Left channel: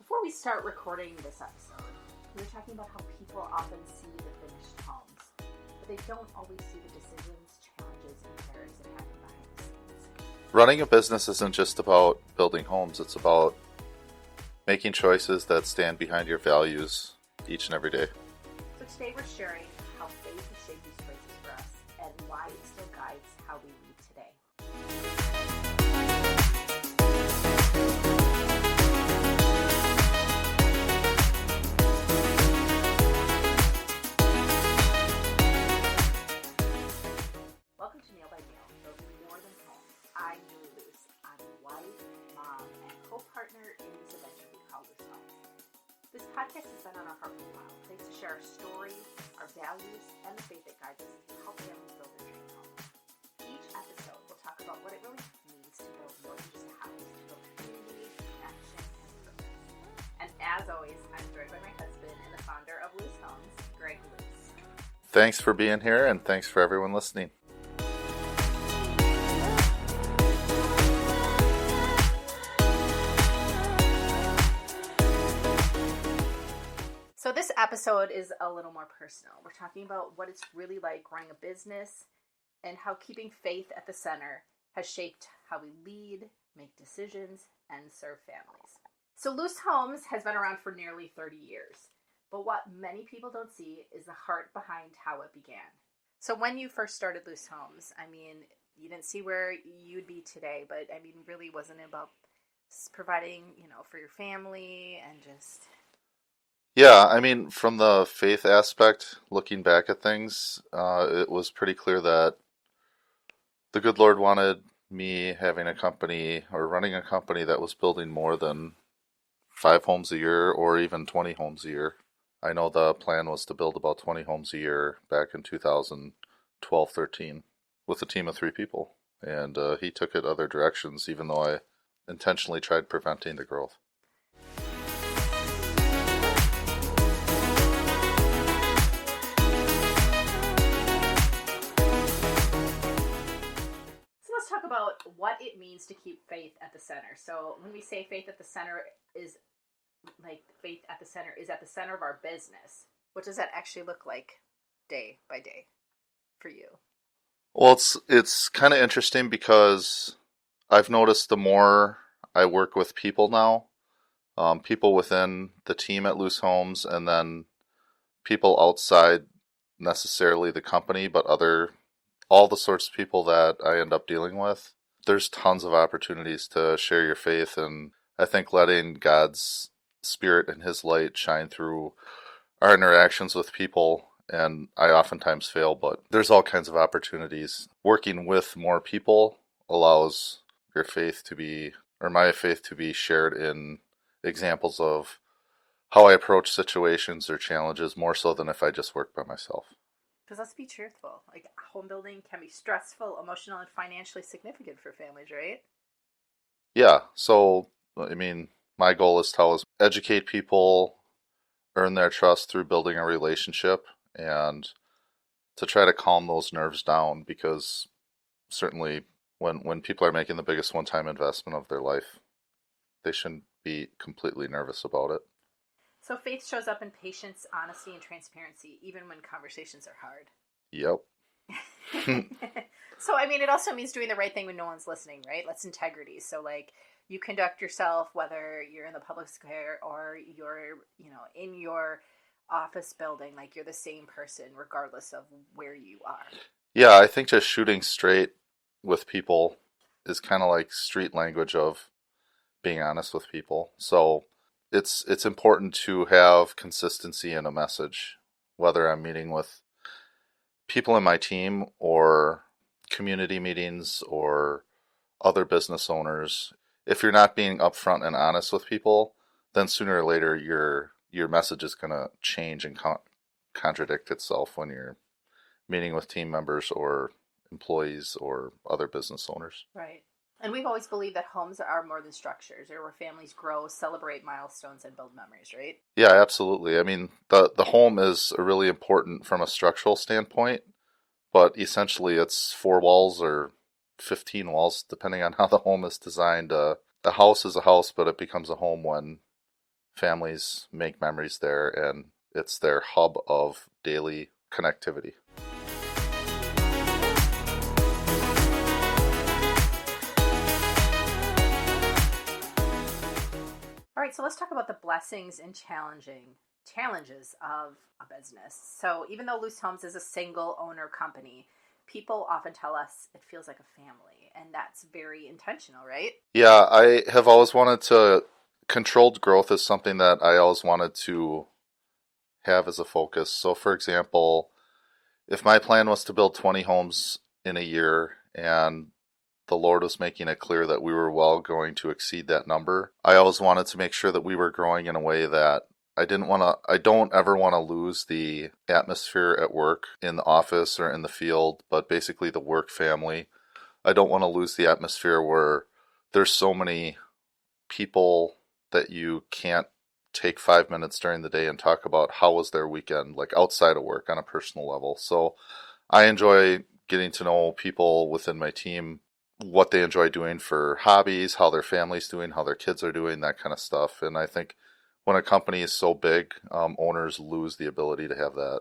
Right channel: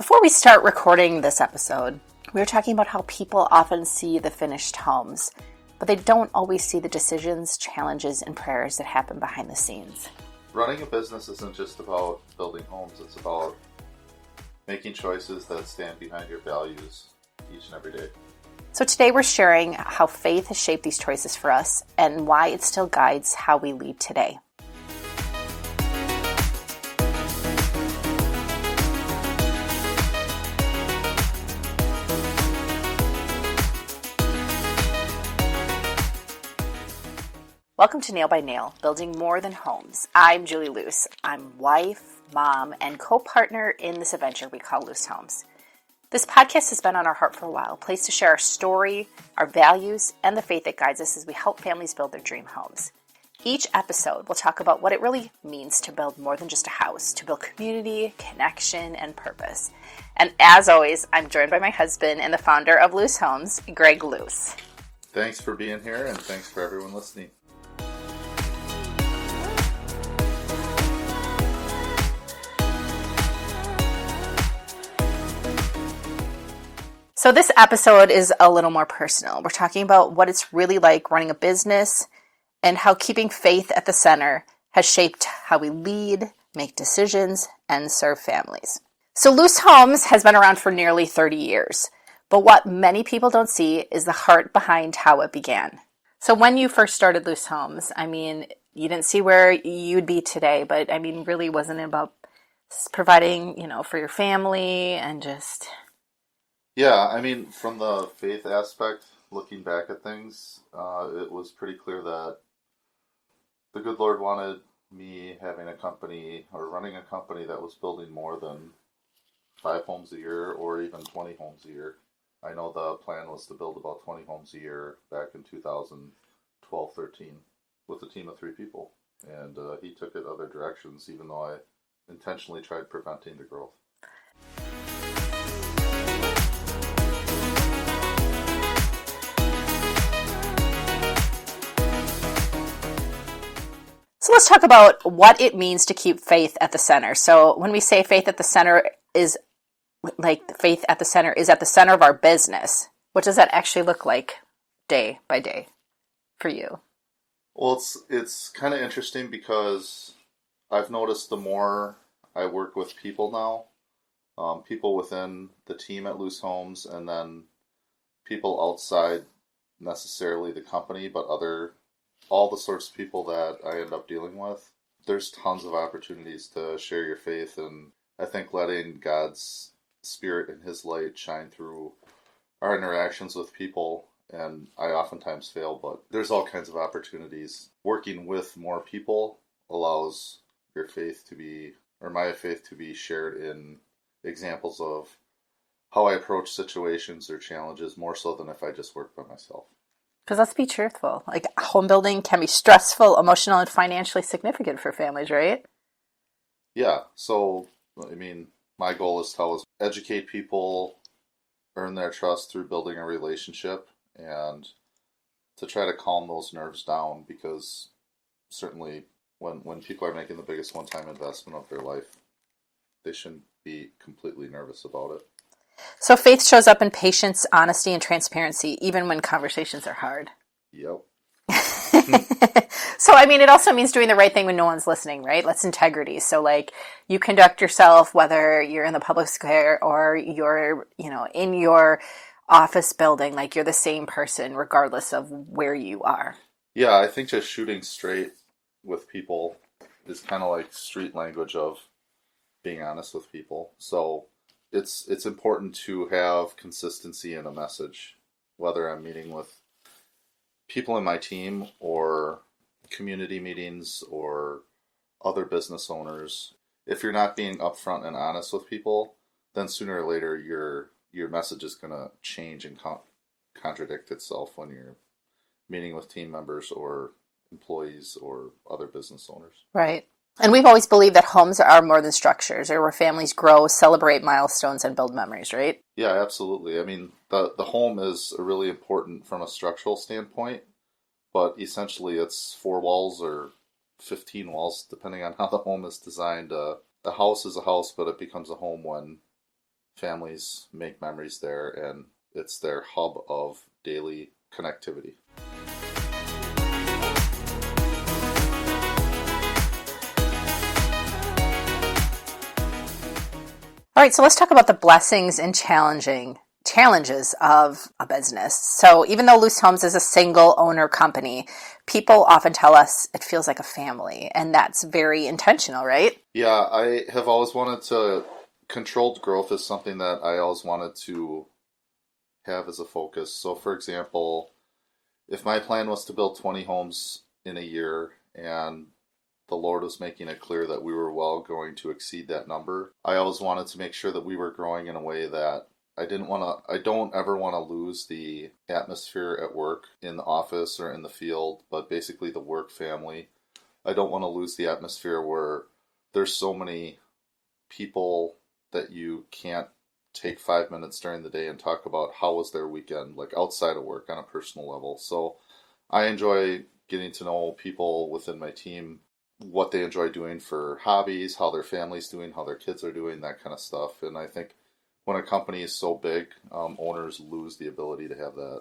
Before we start recording this episode, we were talking about how people often see the finished homes, but they don't always see the decisions, challenges, and prayers that happen behind the scenes. Running a business isn't just about building homes, it's about making choices that stand behind your values each and every day. So today we're sharing how faith has shaped these choices for us and why it still guides how we lead today. Welcome to Nail by Nail, Building More Than Homes. I'm Julie Loos. I'm wife, mom, and co-partner in this adventure we call Loos Homes. This podcast has been on our heart for a while, a place to share our story, our values, and the faith that guides us as we help families build their dream homes. Each episode, we'll talk about what it really means to build more than just a house, to build community, connection, and purpose. And as always, I'm joined by my husband and the founder of Loos Homes, Greg Loos. Thanks for being here, and thanks for everyone listening. So this episode is a little more personal. We're talking about what it's really like running a business and how keeping faith at the center has shaped how we lead, make decisions, and serve families. So Loos Homes has been around for nearly 30 years, but what many people don't see is the heart behind how it began. So when you first started Loos Homes, you didn't see where you'd be today, but really wasn't it about providing, for your family and just... Yeah, from the faith aspect, looking back at things, it was pretty clear that the good Lord wanted me having a company or running a company that was building more than 5 homes a year or even 20 homes a year. I know the plan was to build about 20 homes a year back in 2012-13 with a team of 3 people. And he took it other directions, even though I intentionally tried preventing the growth. So let's talk about what it means to keep faith at the center. So when we say faith at the center is faith at the center is at the center of our business, what does that actually look like day by day for you? Well, it's kind of interesting because I've noticed the more I work with people now, people within the team at Loos Homes and then people outside necessarily the company, but all the sorts of people that I end up dealing with, there's tons of opportunities to share your faith, and I think letting God's Spirit and His light shine through our interactions with people, and I oftentimes fail, but there's all kinds of opportunities. Working with more people allows your faith to be, or my faith to be shared in examples of how I approach situations or challenges more so than if I just worked by myself. Because let's be truthful, home building can be stressful, emotional, and financially significant for families, right? Yeah, so, my goal is to always educate people, earn their trust through building a relationship, and to try to calm those nerves down, because certainly when people are making the biggest one-time investment of their life, they shouldn't be completely nervous about it. So faith shows up in patience, honesty, and transparency, even when conversations are hard. Yep. So, it also means doing the right thing when no one's listening, right? That's integrity. So, you conduct yourself, whether you're in the public square or you're, in your office building, you're the same person regardless of where you are. Yeah, I think just shooting straight with people is kind of like street language of being honest with people. So it's important to have consistency in a message, whether I'm meeting with people in my team or community meetings or other business owners. If you're not being upfront and honest with people, then sooner or later your message is going to change and contradict itself when you're meeting with team members or employees or other business owners. Right. And we've always believed that homes are more than structures. They're where families grow, celebrate milestones, and build memories, right? Yeah, absolutely. The home is really important from a structural standpoint, but essentially it's 4 walls or 15 walls, depending on how the home is designed. A house is a house, but it becomes a home when families make memories there, and it's their hub of daily connectivity. All right, so let's talk about the blessings and challenges of a business. So even though Loos Homes is a single owner company, people often tell us it feels like a family, and that's very intentional, right? Yeah, I have always wanted to, controlled growth is something that I always wanted to have as a focus. So for example, if my plan was to build 20 homes in a year and the Lord was making it clear that we were well going to exceed that number, I always wanted to make sure that we were growing in a way that I don't ever want to lose the atmosphere at work, in the office or in the field, but basically the work family. I don't want to lose the atmosphere where there's so many people that you can't take 5 minutes during the day and talk about how was their weekend, like outside of work on a personal level. So I enjoy getting to know people within my team, what they enjoy doing for hobbies, how their family's doing, how their kids are doing, that kind of stuff. And I think when a company is so big, owners lose the ability to have that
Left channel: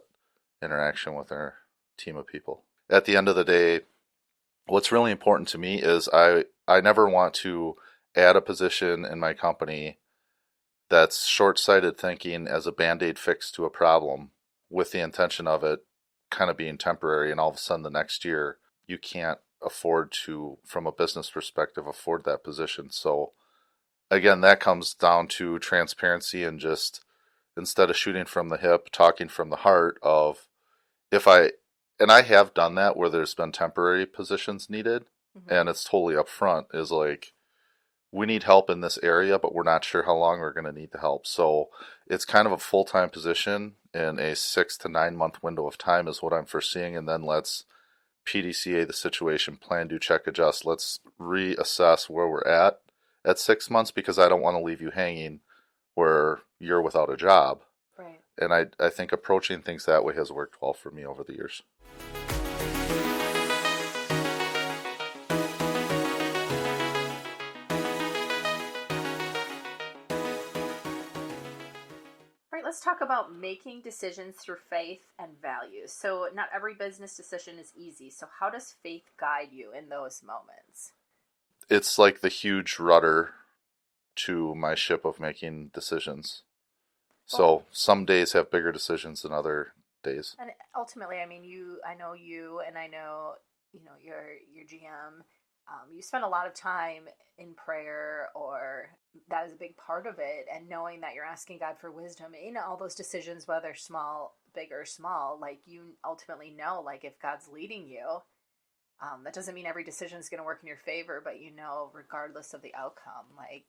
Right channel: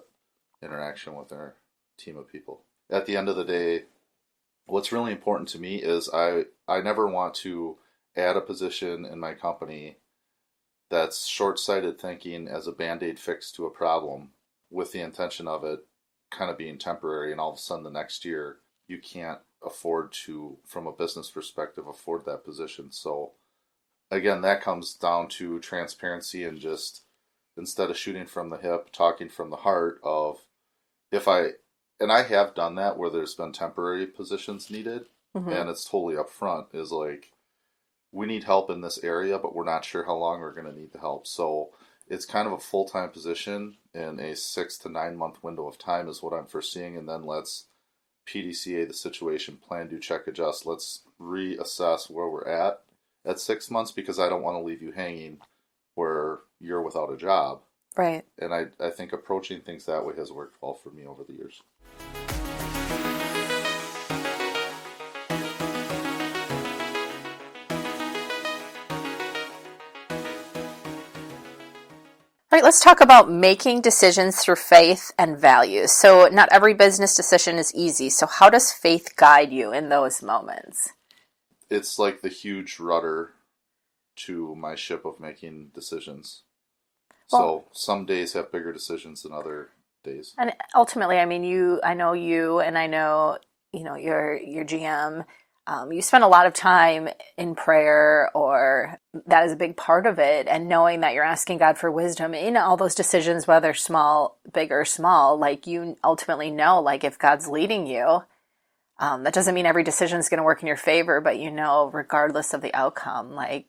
interaction with their team of people. At the end of the day, what's really important to me is I never want to add a position in my company that's short-sighted thinking as a band-aid fix to a problem, with the intention of it kind of being temporary, and all of a sudden the next year you can't afford to, from a business perspective, afford that position. So again, that comes down to transparency and just, instead of shooting from the hip, talking from the heart of, and I have done that where there's been temporary positions needed, and it's totally upfront, is like, we need help in this area, but we're not sure how long we're going to need the help. So it's kind of a full-time position in a 6 to 9 month window of time is what I'm foreseeing. And then let's PDCA the situation, plan, do, check, adjust. Let's reassess where we're at 6 months, because I don't want to leave you hanging where you're without a job. Right. And I think approaching things that way has worked well for me over the years. All right, let's talk about making decisions through faith and values. So not every business decision is easy. So how does faith guide you in those moments? It's like the huge rudder to my ship of making decisions. So some days have bigger decisions than other days. And ultimately, I mean, I know you, and I know, your GM. You spend a lot of time in prayer, or that is a big part of it. And knowing that you're asking God for wisdom in all those decisions, whether small, big or small, like you ultimately know, like if God's leading you, that doesn't mean every decision is going to work in your favor, but regardless of the outcome, like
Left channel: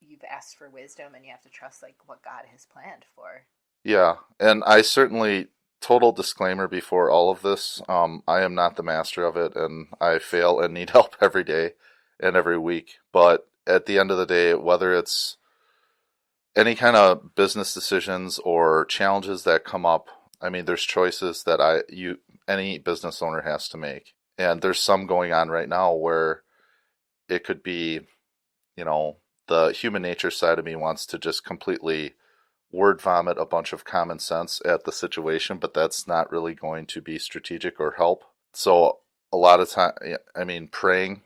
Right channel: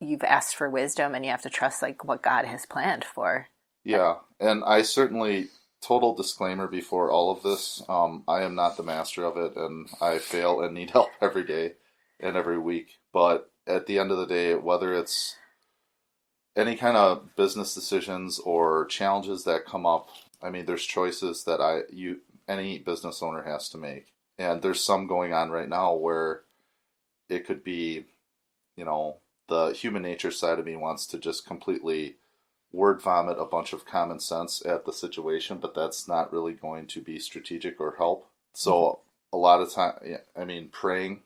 you've asked for wisdom and you have to trust like what God has planned for. Yeah. And I certainly, total disclaimer before all of this, I am not the master of it, and I fail and need help every day and every week. But at the end of the day, whether it's any kind of business decisions or challenges that come up, I mean, there's choices that any business owner has to make. And there's some going on right now where it could be, the human nature side of me wants to just completely word vomit a bunch of common sense at the situation, but that's not really going to be strategic or help. So a lot of time, praying,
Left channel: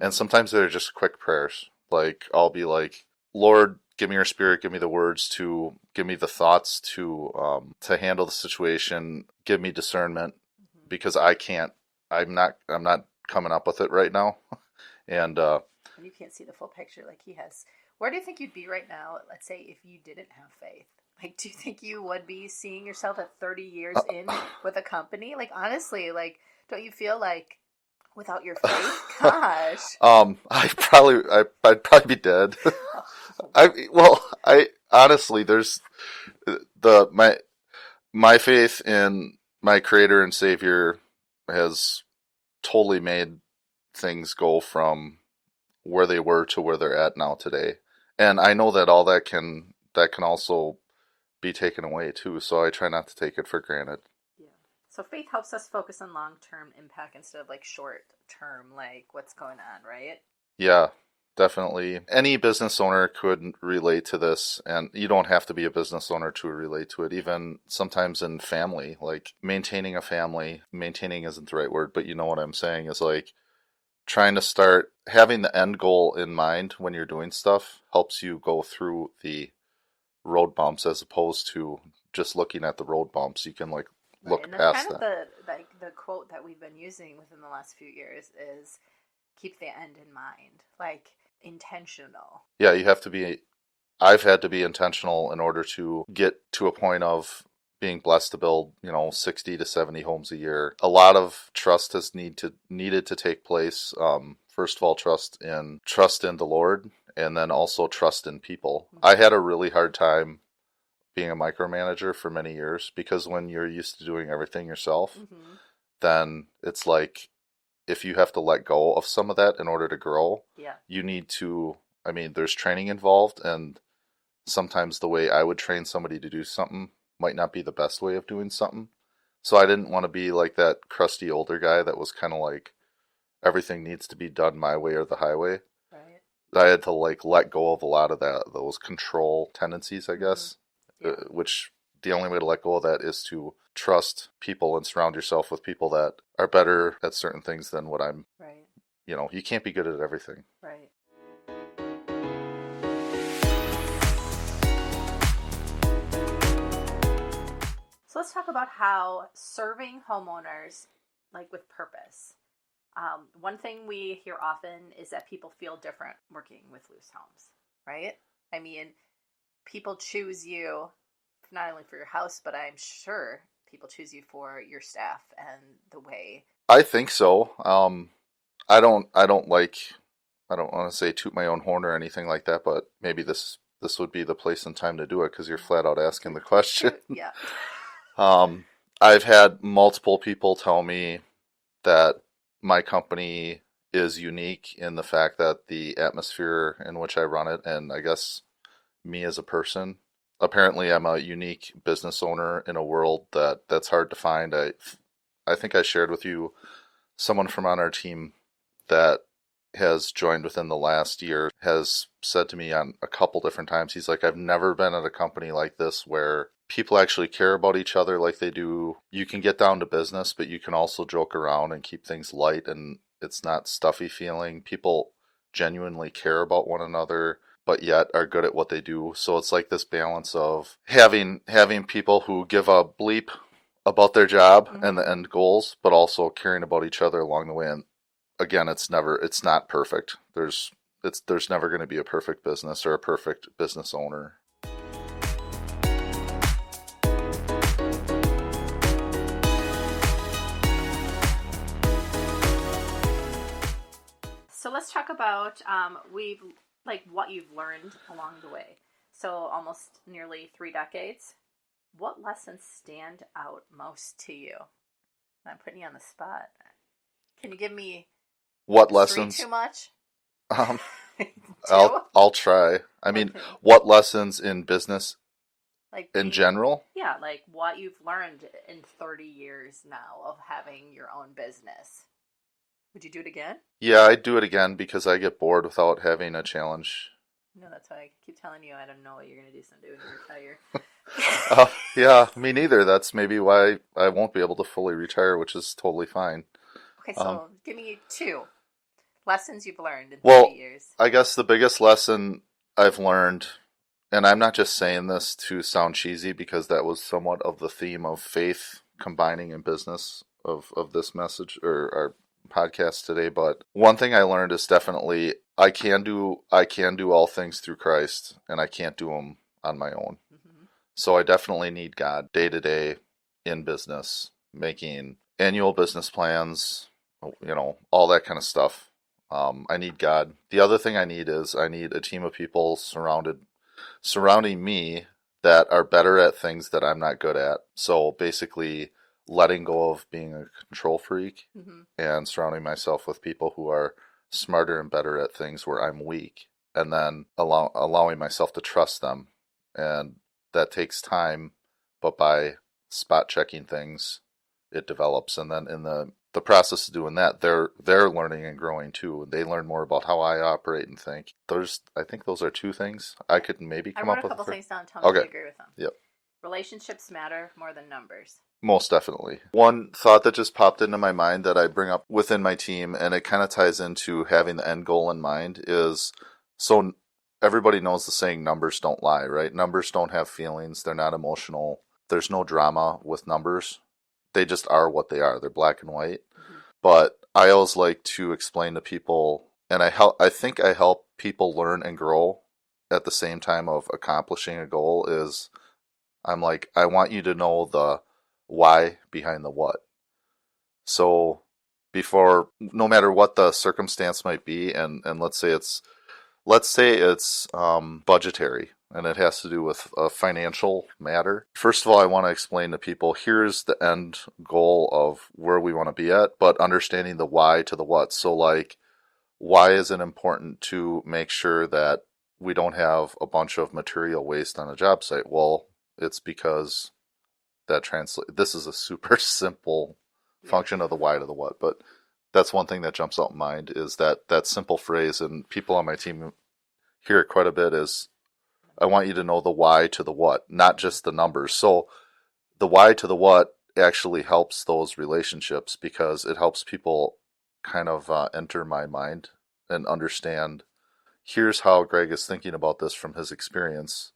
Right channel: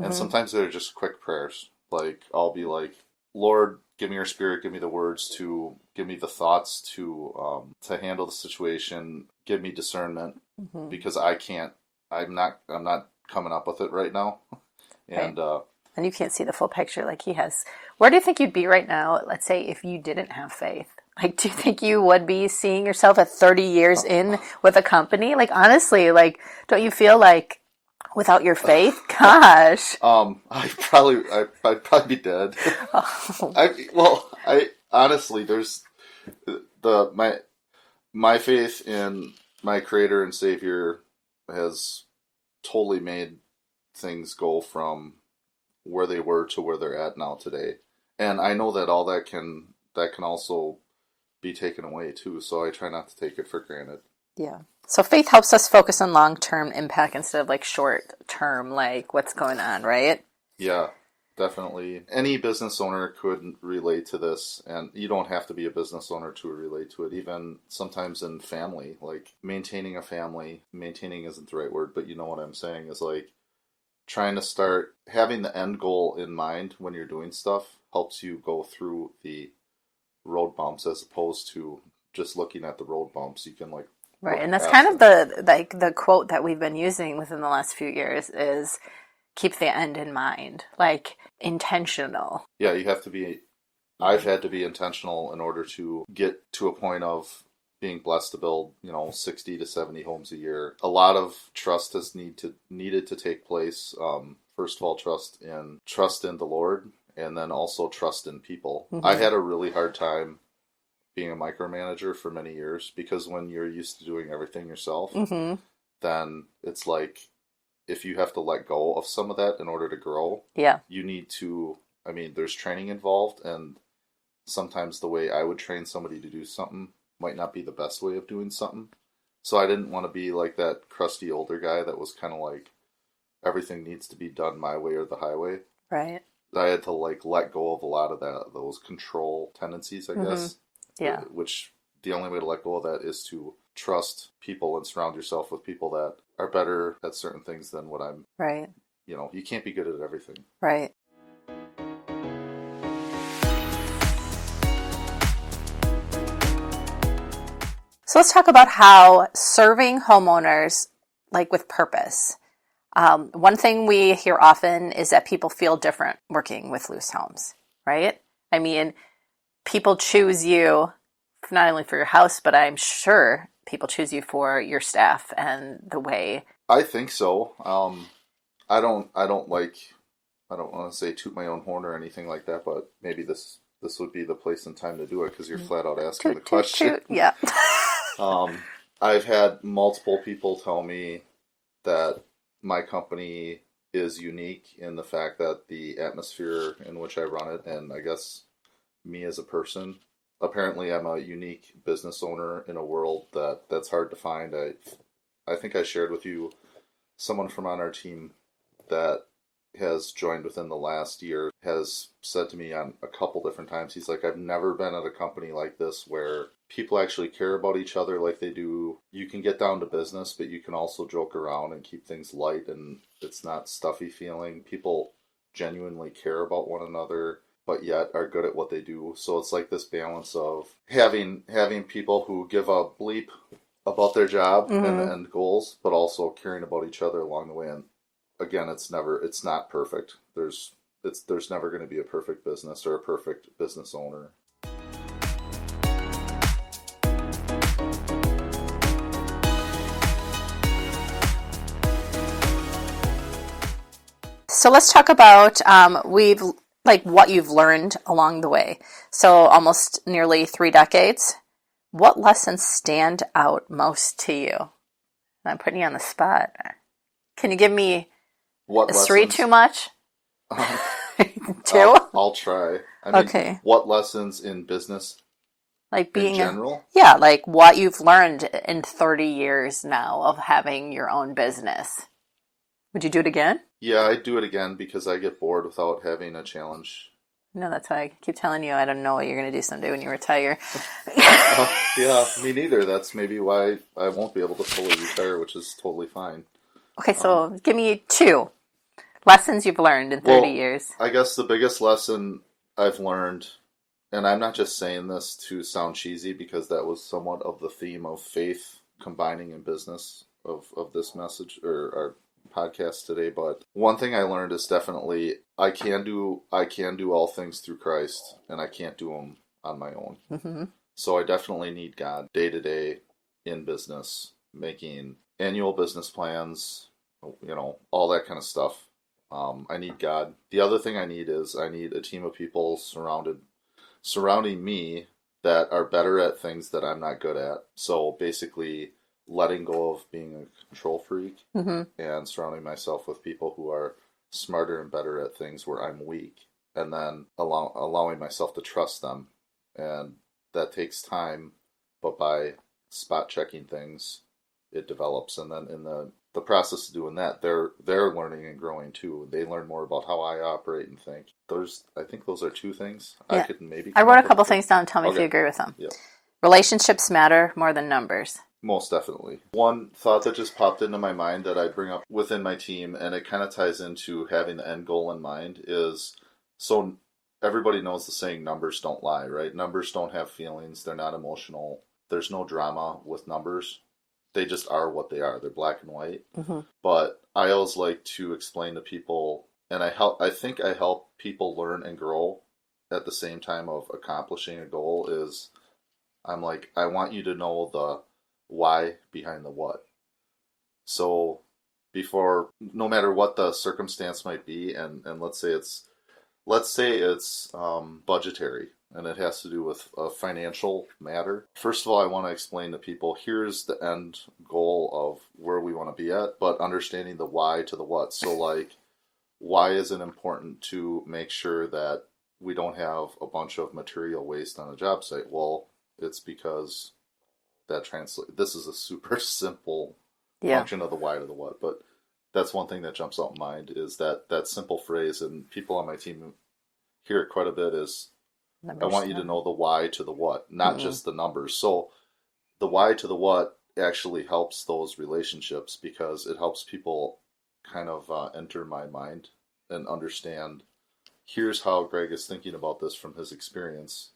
and sometimes they're just quick prayers. Like I'll be like, Lord, give me your spirit, give me the words to, give me the thoughts to handle the situation, give me discernment, because I'm not coming up with it right now. And, right. And you can't see the full picture like he has. Where do you think you'd be right now, let's say, if you didn't have faith? Like, do you think you would be seeing yourself at 30 years in with a company? Like, honestly, like, don't you feel like without your faith, gosh? I'd probably be dead. I honestly, there's my faith in my Creator and Savior has totally made things go from where they were to where they're at now today. And I know that all that can also be taken away too. So I try not to take it for granted. Yeah. So faith helps us focus on long-term impact instead of like short-term, like what's going on, right? Yeah. Definitely. Any business owner could relate to this, and you don't have to be a business owner to relate to it. Even sometimes in family, like maintaining a family, maintaining isn't the right word, but you know what I'm saying is like trying to start having the end goal in mind when you're doing stuff helps you go through the road bumps as opposed to just looking at the road bumps. You can like Right. look And that's kind past of that. the quote that we've been using within the last few years is keep the end in mind, like intentional. Yeah, you have to be I've had to be intentional in order to get to a point of being blessed to build, 60 to 70 homes a year. A lot of trust has needed to take place. First of all, trust in the Lord, and then also trust in people. I Mm-hmm. had a really hard time being a micromanager for many years because when you're used to doing everything yourself, Mm-hmm. then it's like if you have to let go of some of that in order to grow, Yeah. you need to, I mean, there's training involved, and sometimes the way I would train somebody to do something might not be the best way of doing something. So I didn't want to be like that crusty older guy that was kind of like everything needs to be done my way or the highway. Right. I had to like let go of a lot of those control tendencies, I Mm-hmm. guess, Yeah. which the only way to let go of that is to trust people and surround yourself with people that are better at certain things than what I'm. Right. You can't be good at everything. Right. So let's talk about how serving homeowners, like with purpose. One thing we hear often is that people feel different working with Loos Homes, right? I mean, people choose you not only for your house, but I'm sure people choose you for your staff and the way. I think so. I don't want to say toot my own horn or anything like that, but maybe this would be the place and time to do it because you're flat out asking the Toot, toot, question. toot. Yeah. I've had multiple people tell me that my company is unique in the fact that the atmosphere in which I run it, and I guess me as a person, apparently I'm a unique business owner in a world that's hard to find. I think I shared with you someone from on our team that has joined within the last year has said to me on a couple different times, he's like, I've never been at a company like this where people actually care about each other like they do. You can get down to business, but you can also joke around and keep things light, and it's not stuffy feeling. People genuinely care about one another but yet are good at what they do. So it's like this balance of having people who give a bleep about their job and Mm-hmm. the end goals, but also caring about each other along the way. And again, it's not perfect. There's never going to be a perfect business or a perfect business owner. So let's talk about we've like what you've learned along the way. So almost nearly 3 decades. What lessons stand out most to you? I'm putting you on the spot. Can you give me What is three lessons? too much? Um, Two? I'll try. I mean, Okay. what lessons in business Like in being a, general? yeah, like what you've learned in 30 years now of having your own business. Would you do it again? Yeah, I'd do it again because I get bored without having a challenge. No, that's why I keep telling you I don't know what you're going to do someday when you retire. Yeah, me neither. That's maybe why I won't be able to fully retire, which is totally fine. Okay, Um, so give me two lessons you've learned in 30 well, years. I guess the biggest lesson I've learned, and I'm not just saying this to sound cheesy because that was somewhat of the theme of faith combining in business of this message or our podcast today, but one thing I learned is definitely I can do all things through Christ, and I can't do them on my own. Mm-hmm. So I definitely need God day to day in business, making annual business plans, all that kind of stuff. I need God. The other thing I need a team of people surrounding me that are better at things that I'm not good at. So basically, letting go of being a control freak Mm-hmm. and surrounding myself with people who are smarter and better at things where I'm weak, and then allowing myself to trust them. And that takes time, but by spot checking things, it develops. And then in the process of doing that, they're learning and growing too. They learn more about how I operate and think. I think those are two things. Yeah. I could maybe I come wrote up a couple with things down. Tell me if Okay. you agree with them. Yep. Relationships matter more than numbers. Most definitely. One thought that just popped into my mind that I bring up within my team, and it kind of ties into having the end goal in mind, is so everybody knows the saying, numbers don't lie, right? Numbers don't have feelings. They're not emotional. There's no drama with numbers. They just are what they are. They're black and white. Mm-hmm. But I always like to explain to people, and I think I help people learn and grow at the same time of accomplishing a goal, is I'm like, I want you to know the why behind the what. So before, no matter what the circumstance might be, and let's say it's budgetary, and it has to do with a financial matter. First of all, I want to explain to people, here's the end goal of where we want to be at, but understanding the why to the what. So like, why is it important to make sure that we don't have a bunch of material waste on a job site? Well, it's because this is a super simple function of the why to the what, but that's one thing that jumps out in mind, is that simple phrase, and people on my team hear it quite a bit, is I want you to know the why to the what, not just the numbers. So the why to the what actually helps those relationships, because it helps people kind of enter my mind and understand, here's how Greg is thinking about this from his experience.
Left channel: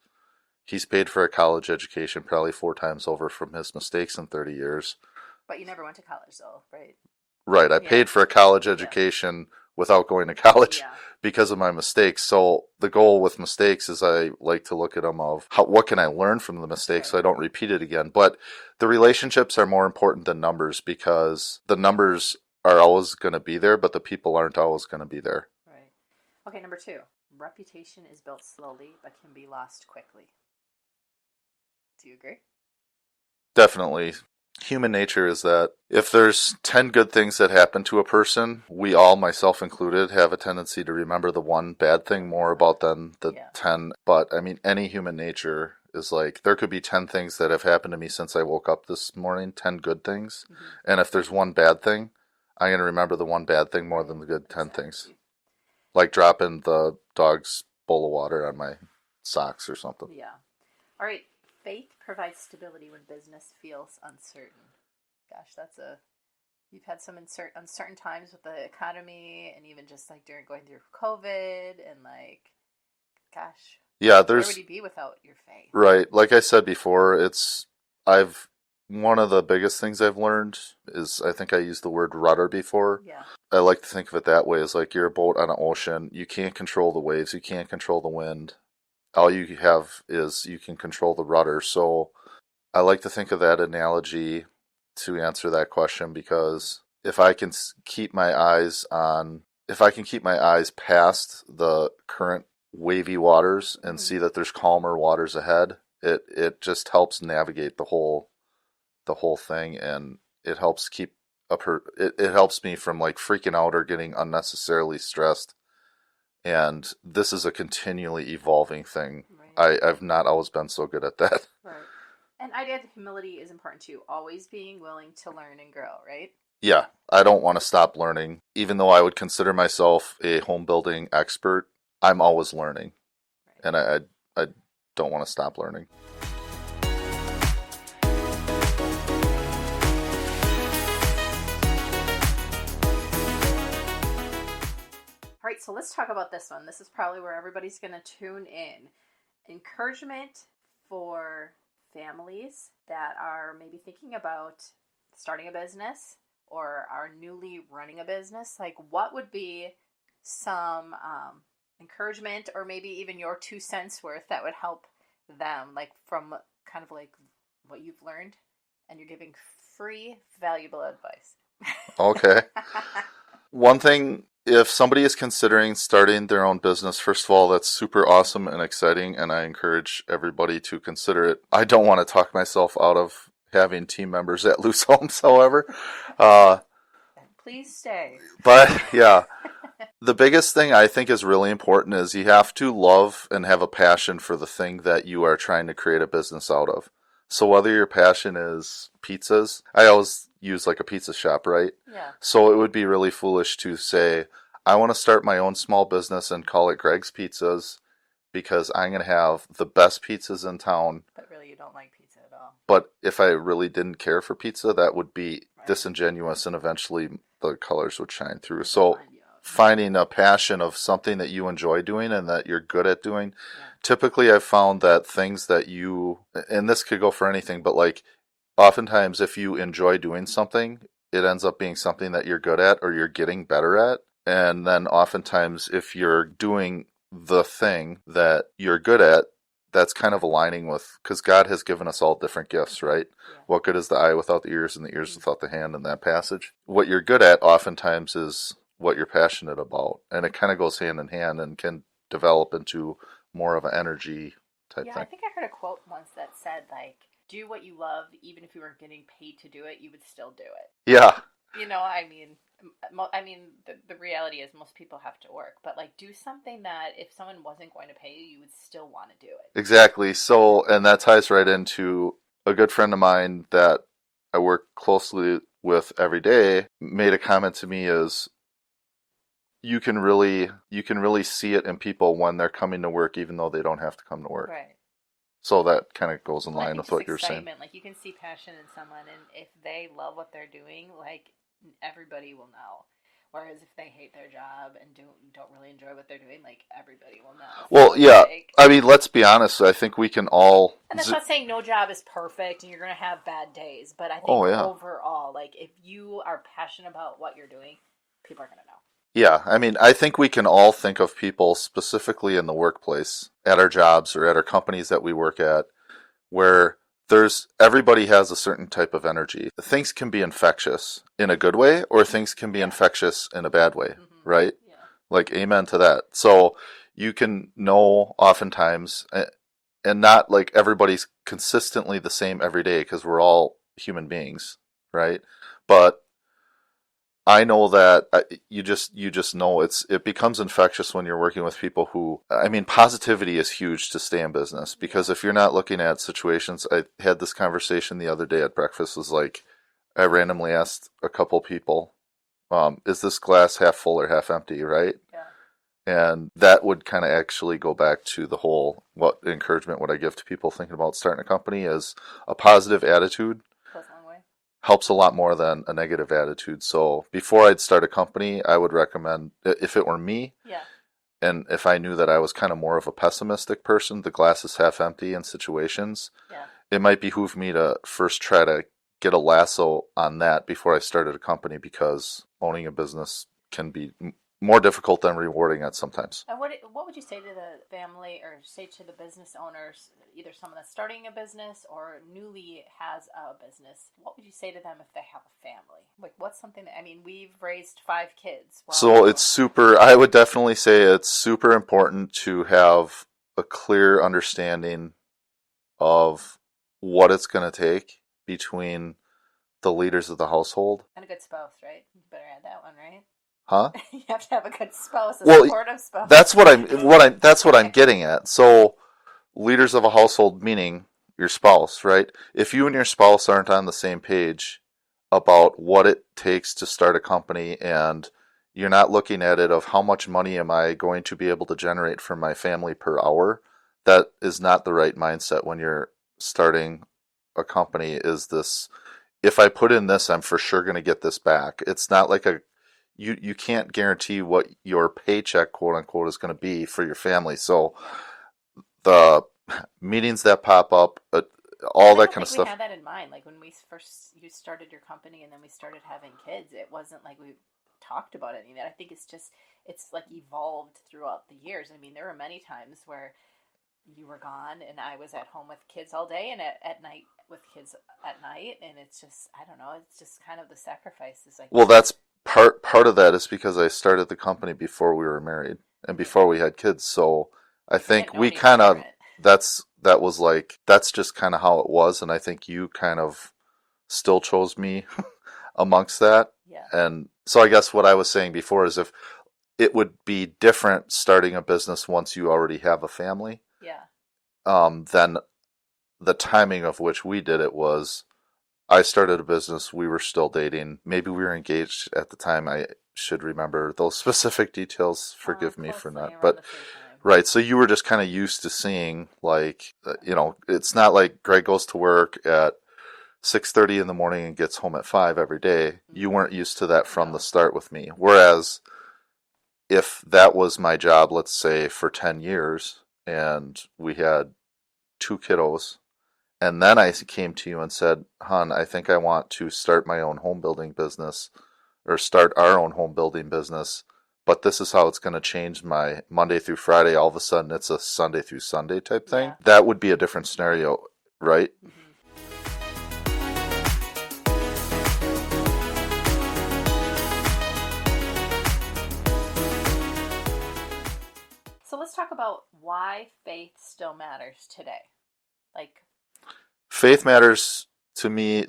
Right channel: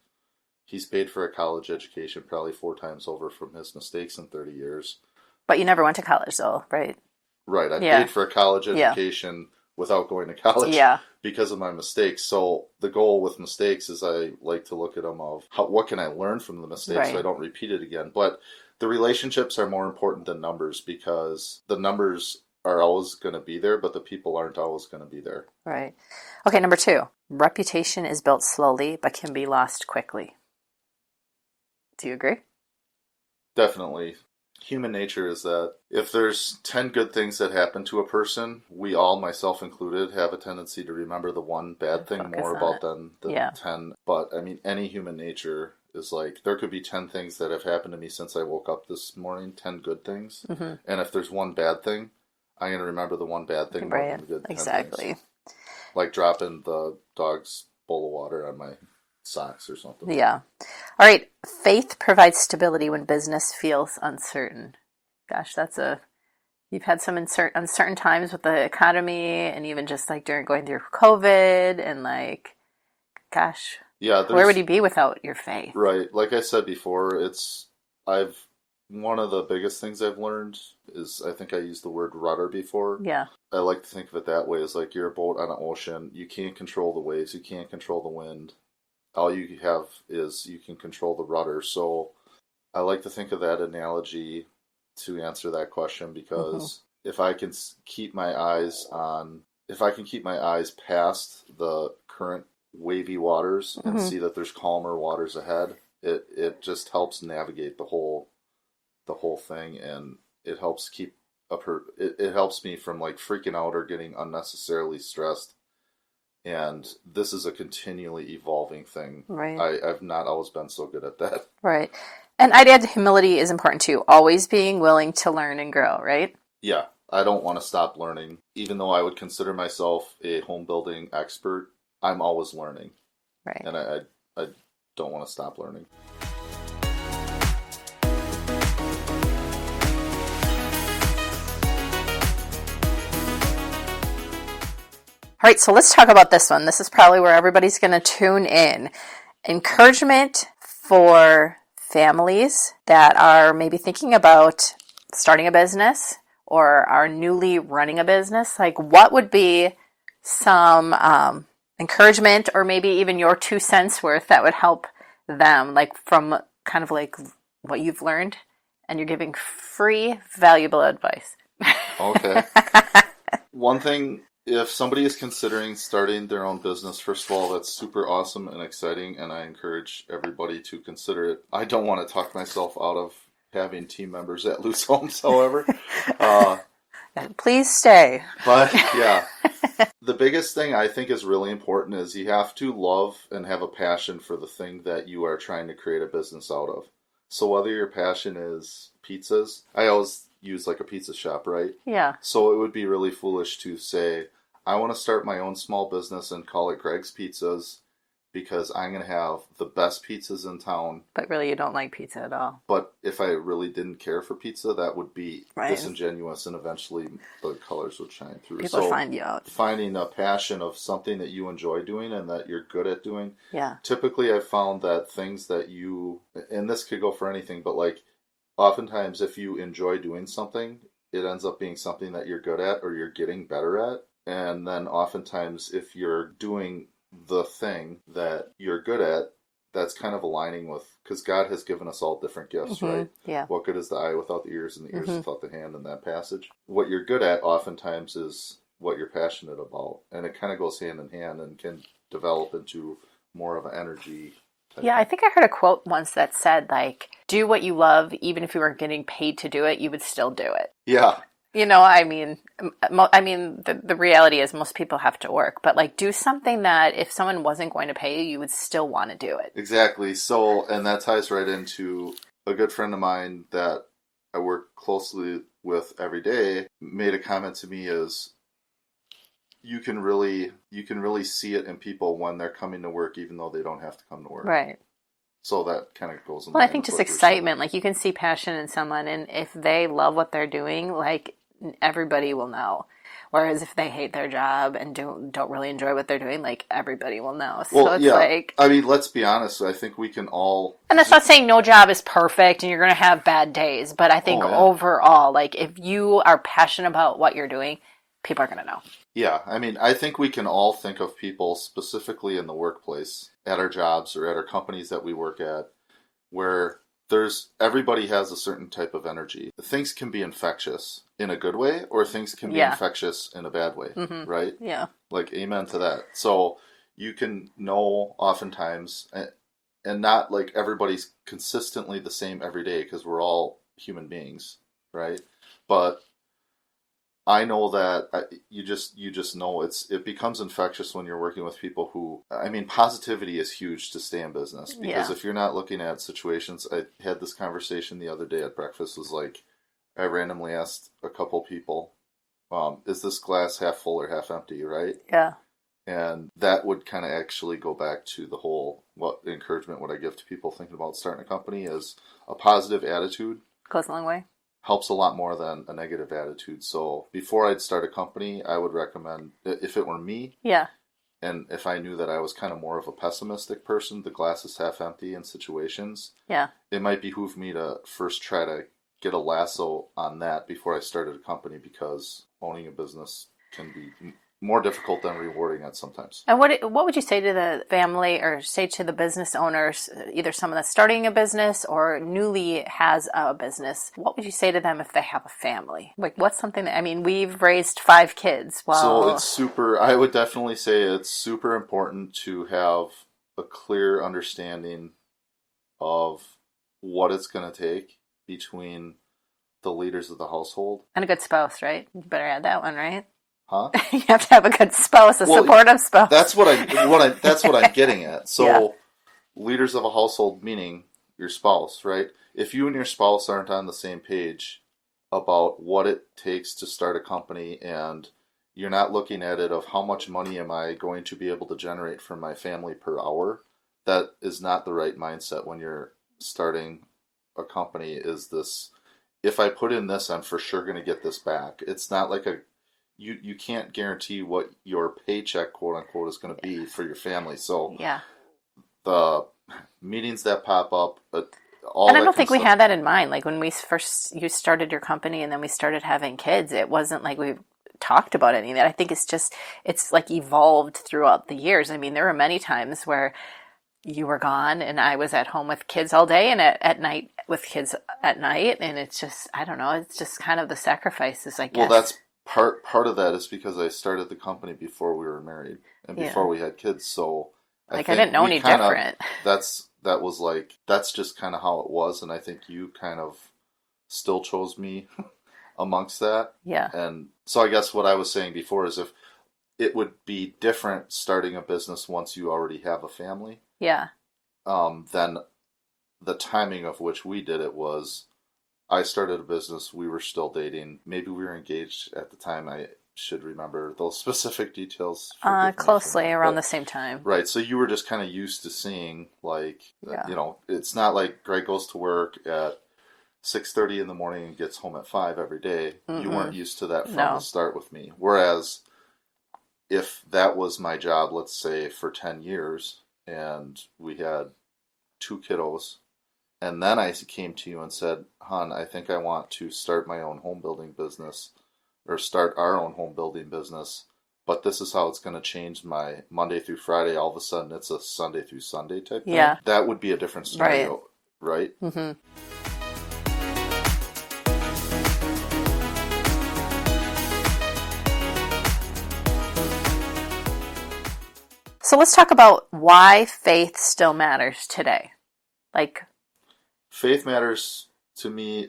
He's paid for a college education probably 4 times over from his mistakes in 30 years. But you never went to college, though, right? Right. I paid for a college education without going to college because of my mistakes. So the goal with mistakes is I like to look at them of what can I learn from the mistakes so I don't repeat it again. But the relationships are more important than numbers, because the numbers are always going to be there, but the people aren't always going to be there. Right. Okay, number 2. Reputation is built slowly but can be lost quickly. Do you agree? Definitely. Human nature is that if there's 10 good things that happen to a person, we all, myself included, have a tendency to remember the one bad thing more about than the 10. But I mean, any human nature is like, there could be 10 things that have happened to me since I woke up this morning, 10 good things. Mm-hmm. And if there's one bad thing, I'm going to remember the one bad thing more than the good 10 things. Like dropping the dog's bowl of water on my socks or something. Yeah. All right. Faith provides stability when business feels uncertain. Gosh, you've had some uncertain times with the economy, and even just like going through COVID, and like, gosh, where would you be without your faith? Right. Like I said before, one of the biggest things I've learned is, I think I used the word rudder before. Yeah. I like to think of it that way, as like you're a boat on an ocean. You can't control the waves. You can't control the wind. All you have is you can control the rudder. So I like to think of that analogy to answer that question, because if I can keep my eyes past the current wavy waters and see that there's calmer waters ahead, it just helps navigate the whole thing, and it helps it helps me from like freaking out or getting unnecessarily stressed. And this is a continually evolving thing. Right. I've not always been so good at that. Right. And I'd add humility is important too. Always being willing to learn and grow, right? Yeah. I don't want to stop learning. Even though I would consider myself a home building expert, I'm always learning. Right. And I don't want to stop learning. All right, so let's talk about this one. This is probably where everybody's going to tune in. Encouragement for families that are maybe thinking about starting a business or are newly running a business. Like, what would be some encouragement, or maybe even your 2 cents worth, that would help them, like from kind of like what you've learned, and you're giving free, valuable advice? Okay. One thing, if somebody is considering starting their own business, first of all, that's super awesome and exciting, and I encourage everybody to consider it. I don't want to talk myself out of having team members at Loos Homes, however. Please stay. But yeah, the biggest thing I think is really important is you have to love and have a passion for the thing that you are trying to create a business out of. So whether your passion is pizzas, I always use like a pizza shop, right? Yeah. So it would be really foolish to say, I want to start my own small business and call it Greg's Pizzas because I'm going to have the best pizzas in town. But really, you don't like pizza at all. But if I really didn't care for pizza, that would be Right. disingenuous, and eventually the colors would shine through. People So find you out. finding a passion of something that you enjoy doing and that you're good at doing. Yeah. Typically, I've found that things that you, and this could go for anything, but like oftentimes if you enjoy doing something, it ends up being something that you're good at or you're getting better at. And then oftentimes if you're doing the thing that you're good at, that's kind of aligning with, because God has given us all different gifts, right? Yeah. What good is the eye without the ears, and the ears without the hand in that passage? What you're good at oftentimes is what you're passionate about. And it kind of goes hand in hand and can develop into more of an energy type Yeah, thing. I think I heard a quote once that said, like, do what you love, even if you weren't getting paid to do it, you would still do it. Yeah. You know, I mean, the reality is most people have to work, but like do something that if someone wasn't going to pay you, you would still want to do it. Exactly. So, and that ties right into a good friend of mine that I work closely with every day made a comment to me is you can really see it in people when they're coming to work even though they don't have to come to work. Right. So that kind of goes in Well, line I think with just what you're saying. excitement, like you can see passion in someone, and if they love what they're doing, like everybody will know. Whereas if they hate their job and don't really enjoy what they're doing, like everybody will know. So Well, it's yeah. like, I mean, let's be honest. I think we can all. and that's not saying no job is perfect and you're going to have bad days, but I think Oh, yeah. overall, like if you are passionate about what you're doing, people are going to know. Yeah, I mean, I think we can all think of people specifically in the workplace, at our jobs or at our companies that we work at, where everybody has a certain type of energy. Things can be infectious in a good way, or things can be infectious in a bad way, right? Yeah. Like, amen to that. So you can know oftentimes, and not like everybody's consistently the same every day because we're all human beings, right? But I know that you just know it becomes infectious when you're working with people who, I mean, positivity is huge to stay in business because if you're not looking at situations, I had this conversation the other day at breakfast, was like, I randomly asked a couple people, is this glass half full or half empty, right? Yeah. And that would kind of actually go back to the whole, what encouragement would I give to people thinking about starting a company is a positive attitude. Goes a long way. Helps a lot more than a negative attitude. So before I'd start a company, I would recommend, if it were me, and if I knew that I was kind of more of a pessimistic person, the glass is half empty in situations, it might behoove me to first try to get a lasso on that before I started a company, because owning a business can be more difficult than rewarding at sometimes. And what would you say to the family, or say to the business owners, either someone that's starting a business or newly has a business? What would you say to them if they have a family? Like, what's something that, I mean, we've raised 5 kids. Well, so I would definitely say it's super important to have a clear understanding of what it's going to take between the leaders of the household. And a good spouse, right? You better add that one, right? Huh? You have to have a good spouse, supportive spouse. That's what I'm getting at. So, leaders of a household, meaning your spouse, right? If you and your spouse aren't on the same page about what it takes to start a company, and you're not looking at it of how much money am I going to be able to generate for my family per hour, that is not the right mindset when you're starting a company. Is this, if I put in this, I'm for sure going to get this back. It's not like you can't guarantee what your paycheck, quote unquote, is going to be for your family. So the meetings that pop up, all and that I don't kind of think stuff. we had that in mind. Like when you started your company and then we started having kids, it wasn't like we talked about any of that. I think it's like evolved throughout the years. I mean, there were many times where you were gone and I was at home with kids all day, and at night with kids at night. And it's just, I don't know, it's just kind of the sacrifices, I guess. Well, that's part of that is because I started the company before we were married and before we had kids. So I think I didn't know we any kind of, different. that's just kind of how it was. And I think you kind of still chose me amongst that. Yeah. And so I guess what I was saying before is, if it would be different starting a business once you already have a family. Yeah. Then the timing of which we did it was I started a business. We were still dating. Maybe we were engaged at the time. I should remember those specific details. Forgive me for Closely that. around But, the same time. right. So you were just kind of used to seeing, like, Yeah. it's not like Greg goes to work at 6:30 in the morning and gets home at 5 every day. You weren't used to that from the No. start with me. Whereas if that was my job, let's say for 10 years, and we had 2 kiddos, and then I came to you and said, "Hon, I think I want to start my own home building business, or start our own home building business, but this is how it's going to change my Monday through Friday. All of a sudden, it's a Sunday through Sunday type thing." Yeah. That would be a different scenario, right? Mm-hmm. So let's talk about why faith still matters today. Like, Faith matters to me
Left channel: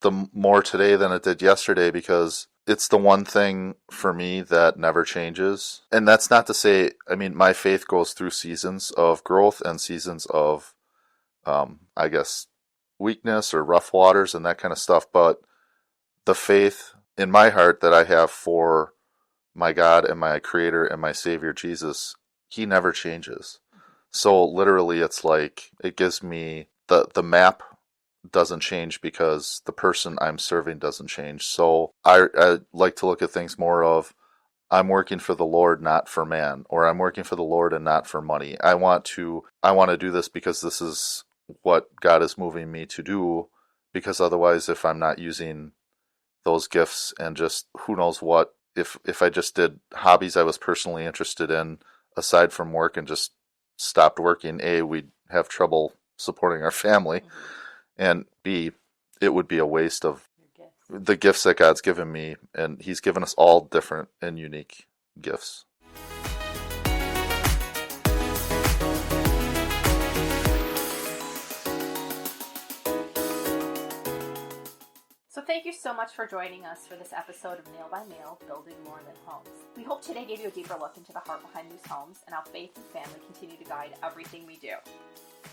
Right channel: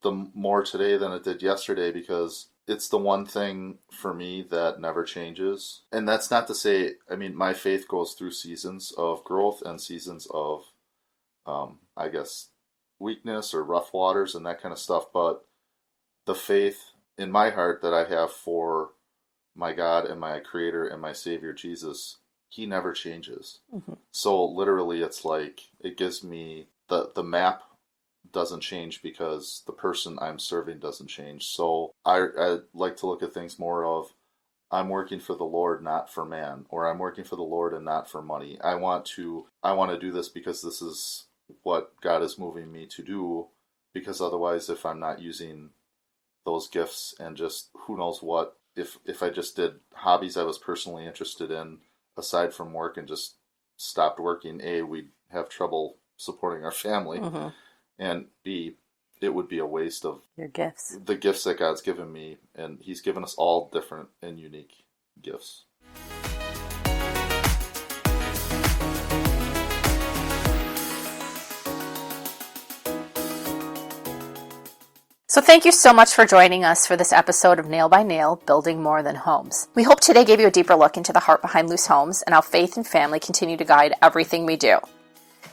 the more today than it did yesterday, because it's the one thing for me that never changes. And that's not to say, I mean, my faith goes through seasons of growth and seasons of, I guess, weakness or rough waters and that kind of stuff. But the faith in my heart that I have for my God and my Creator and my Savior Jesus, He never changes. mm-hmm. So literally, it's like it gives me the map doesn't change because the person I'm serving doesn't change. So I like to look at things more of, I'm working for the Lord, not for man, or I'm working for the Lord and not for money. I want to do this because this is what God is moving me to do, because otherwise, if I'm not using those gifts and just who knows what, if I just did hobbies I was personally interested in aside from work and just stopped working, A, we'd have trouble supporting our family, Mm-hmm. and B, it would be a waste of Your gifts. the gifts that God's given me, and He's given us all different and unique gifts. So thank you so much for joining us for this episode of Nail by Nail, Building More Than Homes. We hope today gave you a deeper look into the heart behind Loos Homes and how faith and family continue to guide everything we do.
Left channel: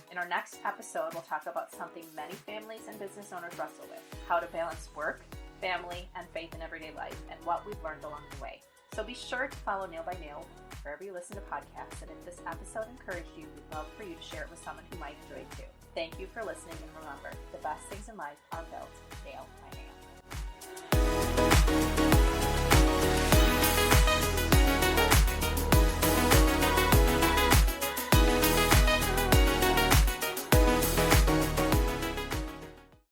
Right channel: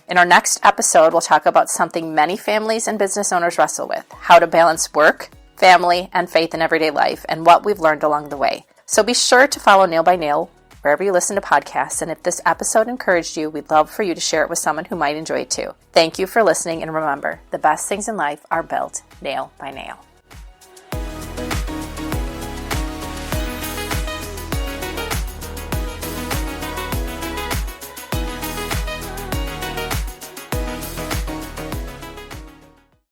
In our next episode, we'll talk about something many families and business owners wrestle with: how to balance work, family, and faith in everyday life, and what we've learned along the way. So be sure to follow Nail by Nail wherever you listen to podcasts, and if this episode encouraged you, we'd love for you to share it with someone who might enjoy it too. Thank you for listening, and remember, the best things in life are built nail by nail.